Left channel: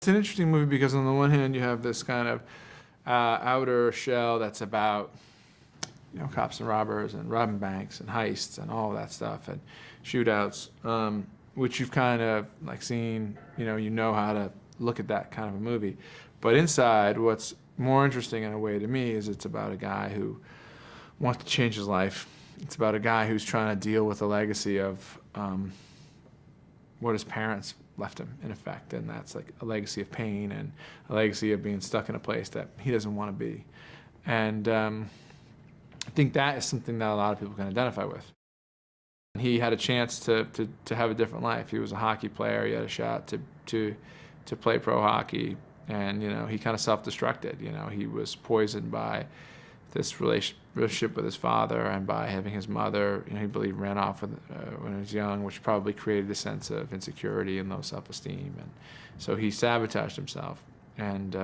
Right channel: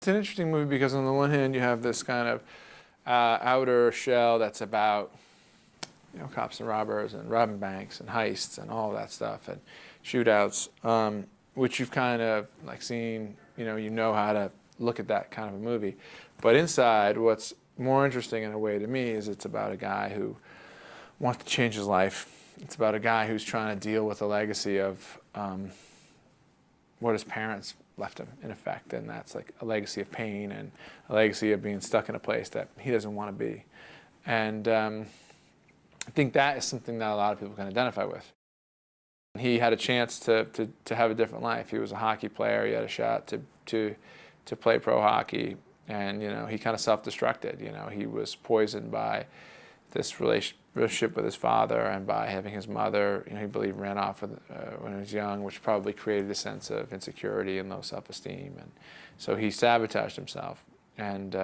It's an interesting movie because on the one hand you have this kind of outer shell that's about cops and robbers and robbing banks and heists and all that stuff and shootouts, which you've kind of like seen. You know how to look at that kind of a movie. But inside, what's more interesting in a way to me is it's about a guy who wants to change his life. It's about a guy who's trying to deal with the legacy of what his parents left him, in effect, and that's like a legacy of pain and a legacy of being stuck in a place that he doesn't want to be. And I think that is something that a lot of people can identify with. He had a chance to have a different life. He was a hockey player. He had a shot to play pro hockey, and he kind of self-destructed. He was poisoned by this relationship with his father and by having his mother, he believed, ran off when he was young, which probably created a sense of insecurity and low self-esteem. And so he sabotaged himself, and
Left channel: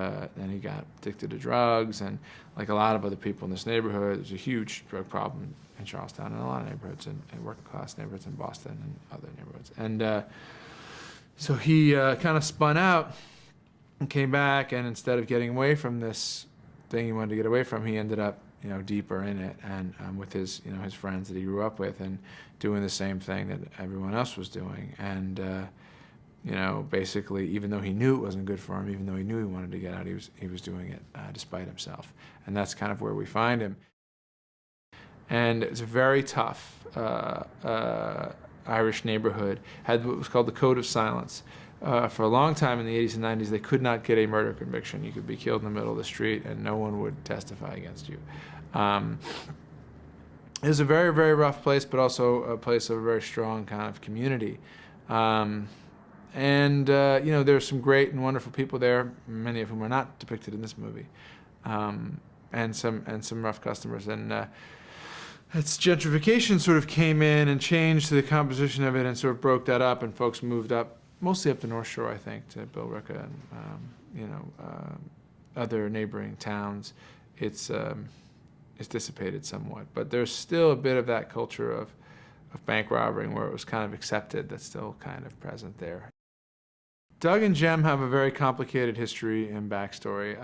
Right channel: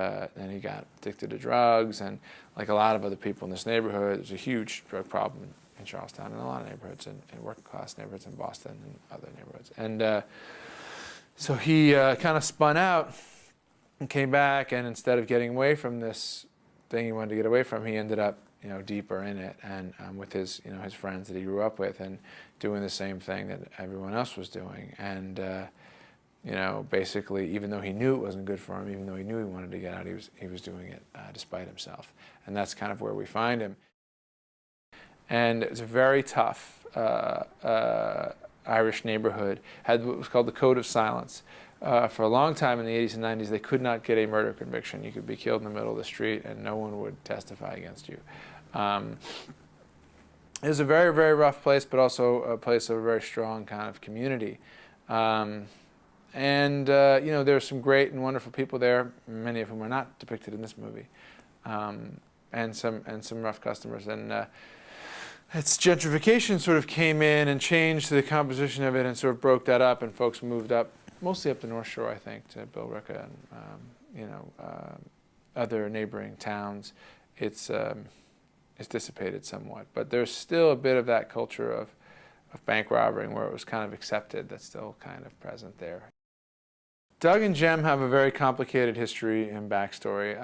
he got addicted to drugs. And like a lot of other people in this neighborhood, there's a huge drug problem in Charlestown and a lot of neighborhoods, and working-class neighborhoods in Boston and other neighborhoods. And so he kind of spun out and came back, and instead of getting away from this thing he wanted to get away from, he ended up deeper in it, and with his his friends that he grew up with, and doing the same thing that everyone else was doing. And basically, even though he knew it wasn't good for him, even though he knew he wanted to get out, he was doing it despite himself. And that's kind of where we find him. And it's a very tough Irish neighborhood. Had what was called the Code of Silence. For a long time in the 80s and 90s, they could not get a murder conviction. You could be killed in the middle of the street and no one would testify against you. It was a very, very rough place, but also a place of a very strong kind of community. There were some great and wonderful people there, many of whom are not depicted in this movie, and some rough customers. And its gentrification sort of came in and changed the composition of it and sort of broke that up, and folks moved up, mostly up the North Shore, I think, to Billerica and other neighboring towns. It's dissipated somewhat, but there's still a bit of that culture of bank robbing where it was kind of accepted that's still kind of present there. Doug and Jem have a very complicated history and backstory,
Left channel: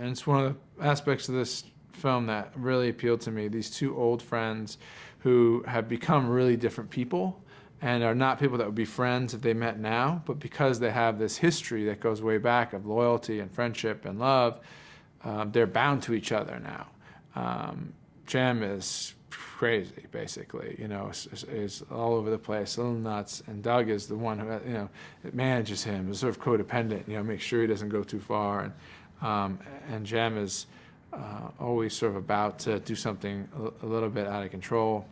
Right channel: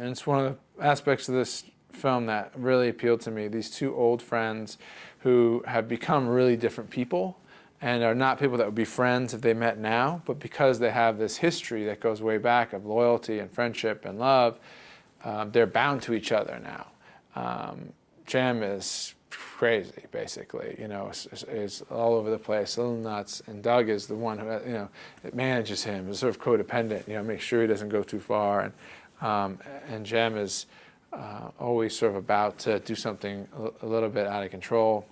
and it's one of the aspects of this film that really appealed to me. These two old friends who have become really different people and are not people that would be friends if they met now, but because they have this history that goes way back of loyalty and friendship and love, they're bound to each other now. Jem is crazy, basically, is all over the place, a little nuts, and Doug is the one who, that manages him, is sort of codependent, makes sure he doesn't go too far, and Jem is always sort of about to do something a little bit out of control.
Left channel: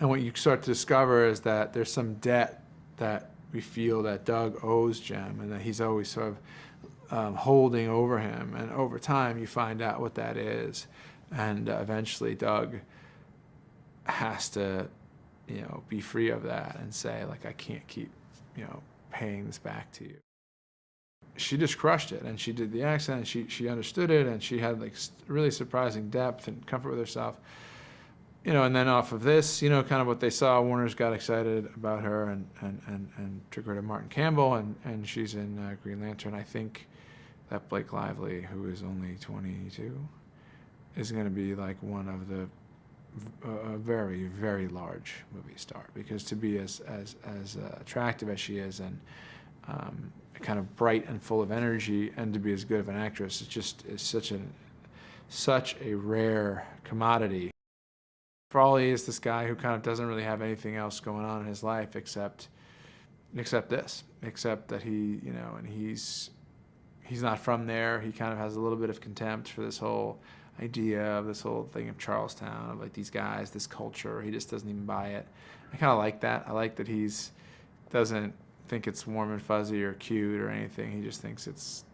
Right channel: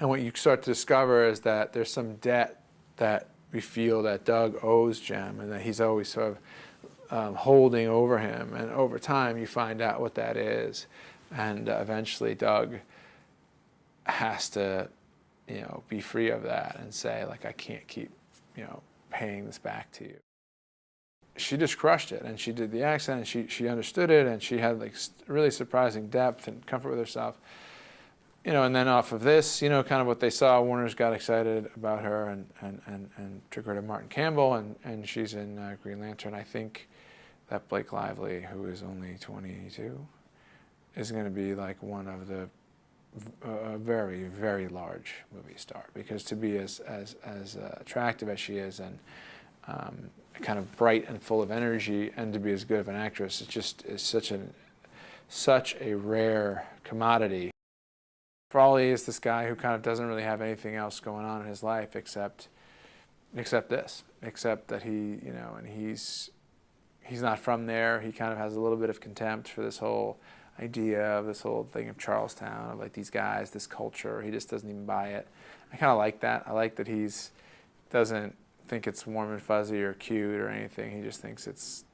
And what you start to discover is that there's some debt that we feel that Doug owes Jem, and that he's always sort of holding over him. And over time, you find out what that is. And eventually, Doug has to, be free of that and say, like, I can't keep, paying this back to you. She just crushed it, and she did the accent, and she understood it, and she had like really surprising depth and comfort with herself. And then off of this, kind of what they saw, Warner's got excited about her and took her to Martin Campbell, and she's in Green Lantern. I think that Blake Lively, who is only 22, is going to be like one of the very, very large movie star, because to be as attractive as she is and kind of bright and full of energy, and to be as good of an actress, is such a rare commodity. Frawley is this guy who kind of doesn't really have anything else going on in his life except that he, and he's not from there. He kind of has a little bit of contempt for this whole idea of this whole thing of Charlestown, of like these guys, this culture. He just doesn't even buy it. I kind of like that. I like that he's doesn't think it's warm and fuzzy or cute or anything. He just thinks it's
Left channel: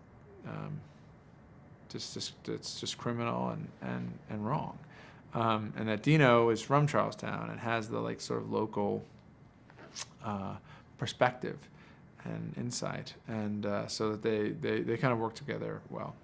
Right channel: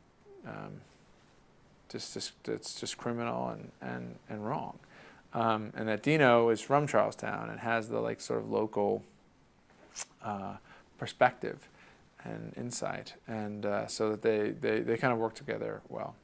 just criminal and wrong. And that Dino is from Charlestown and has the like sort of local perspective and insight, and so that they kind of work together well.